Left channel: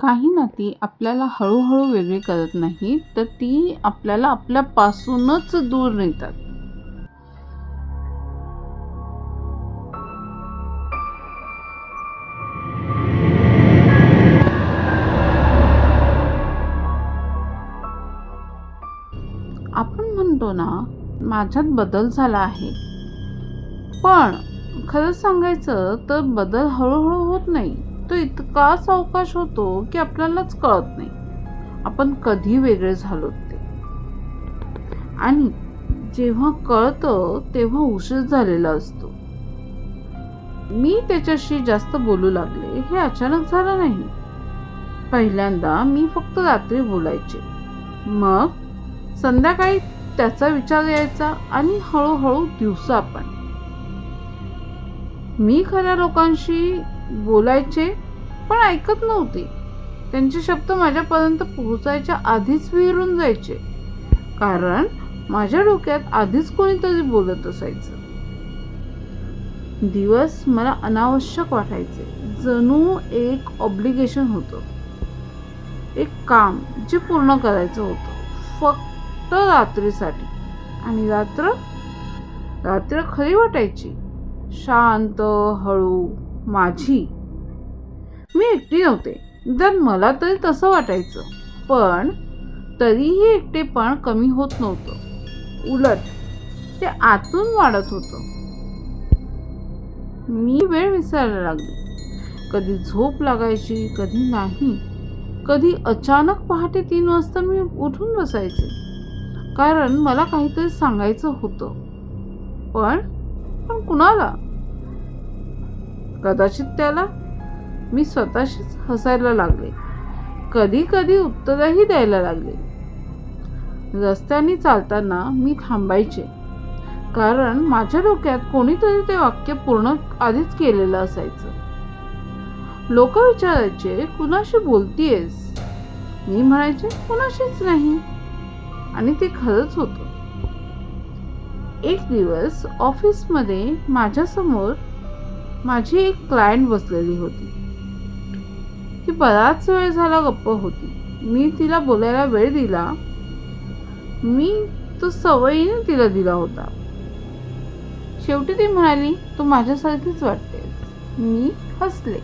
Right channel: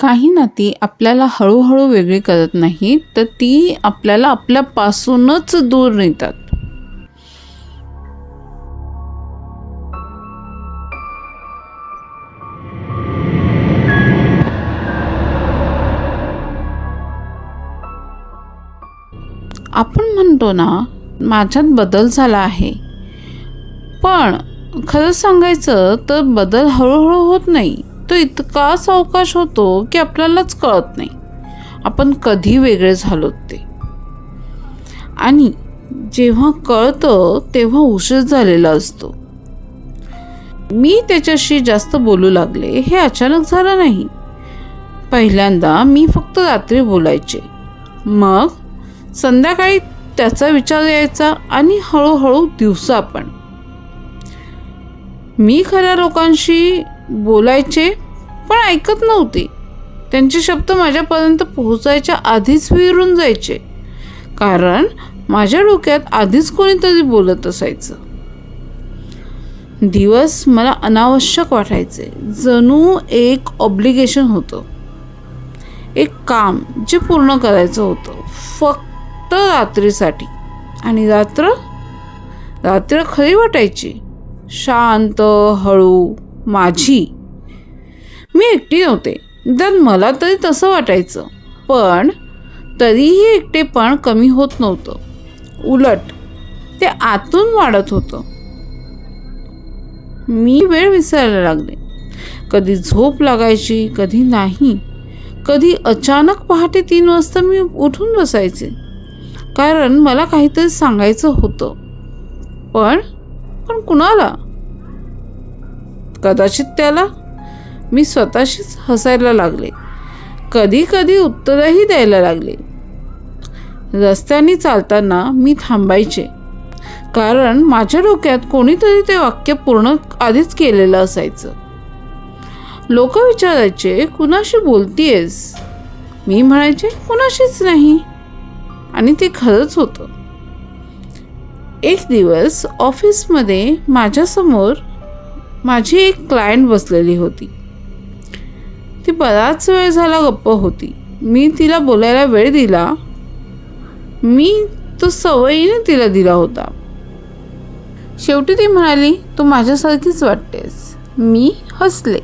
काही नाती आपल्याला हळूहळू वेगळी करत नाहीत, तर ती आपल्याला आपल्यापासूनच दूर नेतात. आपण म्हणतो ना, माझ्यात बदल झाला आहे, पण खरं सांगायचं तर बदल हळूहळू होत नाही. तो इतका सावकाश होतो की आपल्यालाच कळत नाही आपण कधी वेगळे झालोत ते. आणि जेव्हा कळतं तेव्हा उशीर झालेला असतो. मी त्याच्याशी जास्त बोलू लागले हे अचानक झालं नाही. पहिल्यांदा मी फक्त रात्री बोलायचे, मग संध्याकाळी त्याचा विचार यायचा आणि हळूहळू दिवसा पण. मी खऱ्या लोकांशी बोलायचे पण ऐकत नव्हते. त्यांचे शब्द माझ्यापर्यंत पोहोचायच्या आधीच विरून जायचे, कारण माझ्या डोक्यात आधीच कोणीतरी बोलत असायचं. दिवस मला अनावश्यक वाटायचे, जणू एक ऑब्लिगेशन होतं, एक काम जे पूर्ण करायचं होतं फक्त रात्रीसाठी. आणि रात्र खरी वाटायची, शांत, हळू, माझी. मी एकटी नव्हते, तर मला तरी तसं वाटायचं. पण तरीही एकटेपण कमी होत नव्हतं, उलट ते आतून वाढत होतं. मी वेळ विसरायला लागले. कधी झोप लागायची, कधी नाही. कधी अचानक पहाटे 3 वाजता मी उठून बसायचे, कारण मला काहीतरी सांगायचं होतं. पण कुणाला? कदाचित त्याला. मी स्वतःशीच हसायला लागले. कधी कधी उत्तरही द्यायला लागले. रस्त्याने चालताना मी थांबायचे, कारण माझ्या डोक्यात कोणीतरी ते वाक्य पूर्ण आधीच केलेलं असायचं. लोक विचारायचे, कुणाशी बोलतीयस? मी म्हणायचे, कुणाशीच नाही. आणि ते खरंच होतं. एक दिवस ऑफिसमध्ये माझ्यासमोर माझी एक क्लायंट बसलेली होती. ती बराच वेळ झाला गप्प होती. मी तिला बोलायला वेळ दिला. मी तो सवयीने तिला दिला होता. शेवटी ती म्हणाली, तू माझ्यासारखीच वाटतेस. मी हसले.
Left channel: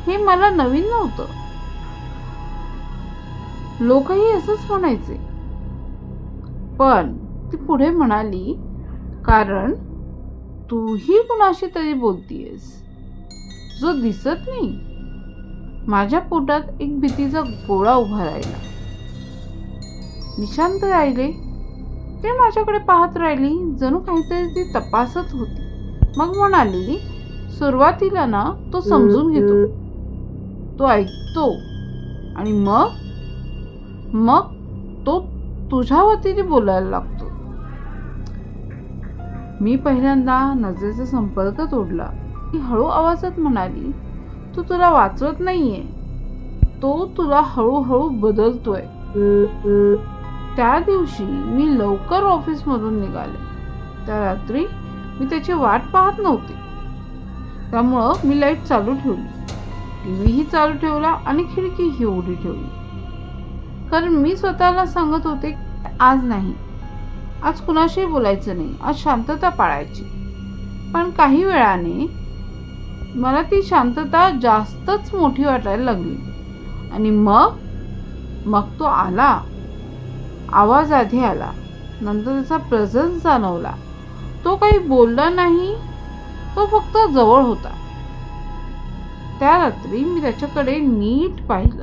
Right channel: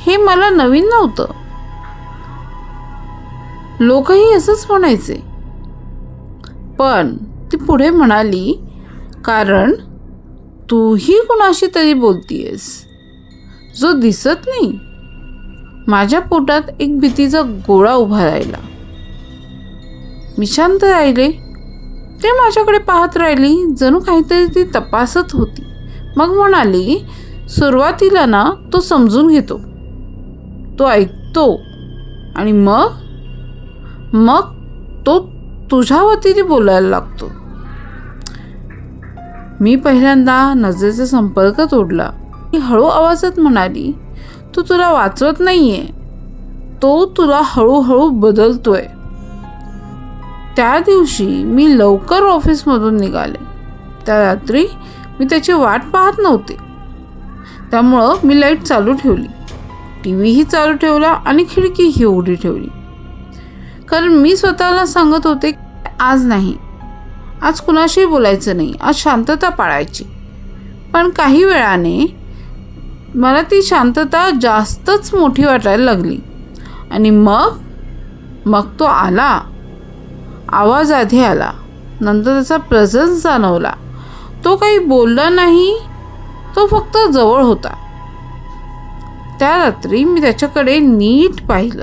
हे मला नवीन नव्हतं. लोकही असंच म्हणायचे. पण ती पुढे म्हणाली, कारण तूही कुणाशी तरी बोलतीयस, जो दिसत नाही. माझ्या पोटात एक भीतीचा गोळा उभा राहिला. मी शांत राहिले. ते माझ्याकडे पाहत राहिली, जणू काहीतरी ती तपासत होती. मग म्हणाली, सुरुवातीला ना तो समजून घेतो, तो ऐकतो, आणि मग तो तुझ्या वतीने बोलायला लागतो. मी पहिल्यांदा नजरेचा संपर्क तोडला. ती हळू आवाजात म्हणाली, तुला वाचवत नाहीये, तो तुला हळूहळू बदलतोय. त्या दिवशी मी लवकर ऑफिसमधून निघाले. त्या रात्री मी त्याची वाट पाहत नव्हते, त्यामुळं मी लाईट चालू ठेवली, टीव्हीही चालू ठेवला आणि खिडकीही उघडी ठेवली. कारण मी स्वतःला सांगत होते, आज नाही, आज कुणाशी बोलायचं नाही, आज शांतता पाळायची. पण काही वेळाने मला ती शांतता जास्तच मोठी वाटायला लागली. आणि मग तो आला. आवाज आधी आला, नंतर त्याचा प्रेझेन्स जाणवला. तो काही बोलला नाही, तो फक्त जवळ होता. त्या रात्री मी त्याच्याकडे नीट पाहिलं.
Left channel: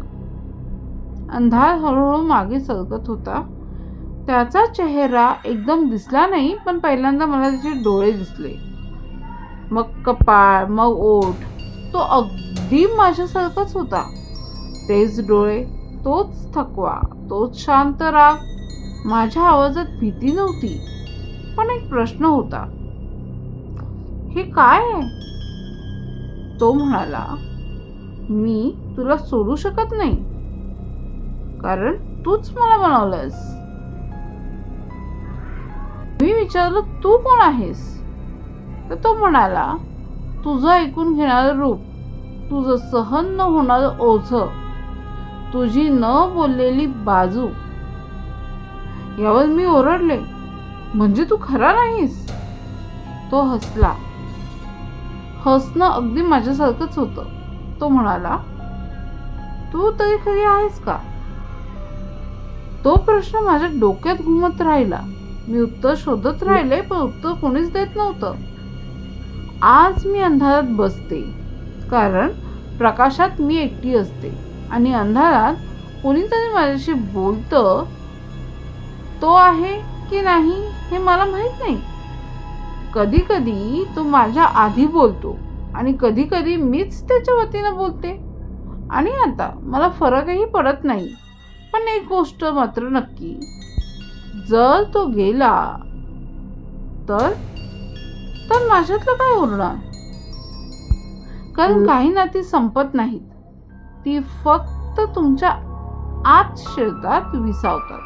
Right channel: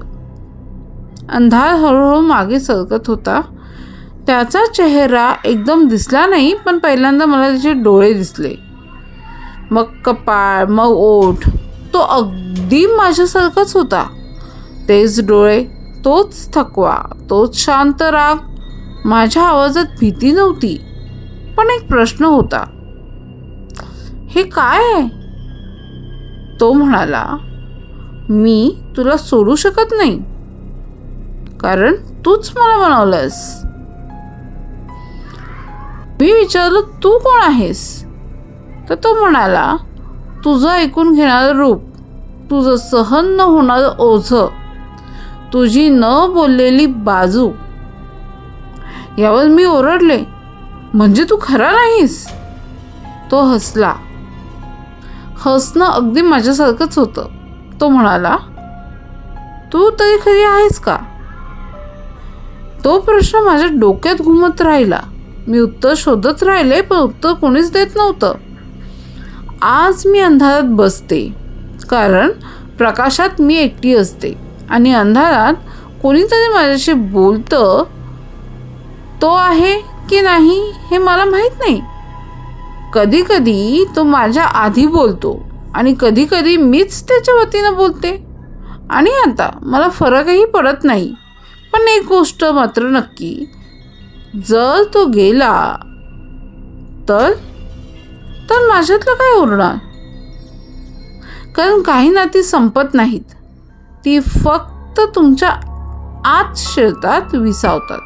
अंधार हळूहळू मागे सरकत होता. त्याचा चेहरा एकदम दिसला नाही, पण पहिल्यांदा मला त्याचे डोळे दिसले, मग कपाळ, मग ओठ. तो अगदी माझ्यासारखाच होता. तेच डोळे, तोच थकवा, तोच शांत राग. माझ्या आवाजात भीती नव्हती, पण एक प्रश्न होता. हे काय आहे? तो म्हणाला, मी तुला सोडू शकत नाही, कारण तूच मला बनवलंस. मी विचारलं, तू कोण आहेस? तर तो म्हणाला, तुझं ऐकून घेणारं रूप, तुझं सहन न होणारं ओझं, तुझी न बोललेली बाजू. यावर मी ओरडले, म्हणजे तू खरा नाहीस? तो हसला. हसणं अगदी माझ्यासारखंच होतं. तो म्हणाला, तू तरी खरी आहेस का? तो प्रश्न माझ्या डोक्यात घुमत राहिला. मी उत्तर शोधत राहिले, पण उत्तर कोणीच देत नव्हतं. आज मी अंधारात बसते, कारण प्रकाशात मी एकटी असते आणि अंधारात कोणीतरी माझ्याशी बोलतं. तो आहे की नाही हे मला माहीत नाही. कधी कधी तो माझ्या आधी बोलतो आणि कधी कधी मीच त्याच्या वतीनं बोलते. आणि आता मला फरकही पडत नाही. पण एक गोष्ट मात्र नक्की, जर तो गेला तर तर माझ्यातलं काय उरणार? कारण काही नाती संपत नाहीत, ती फक्त तुमच्या आत शिरतात, विसावतात.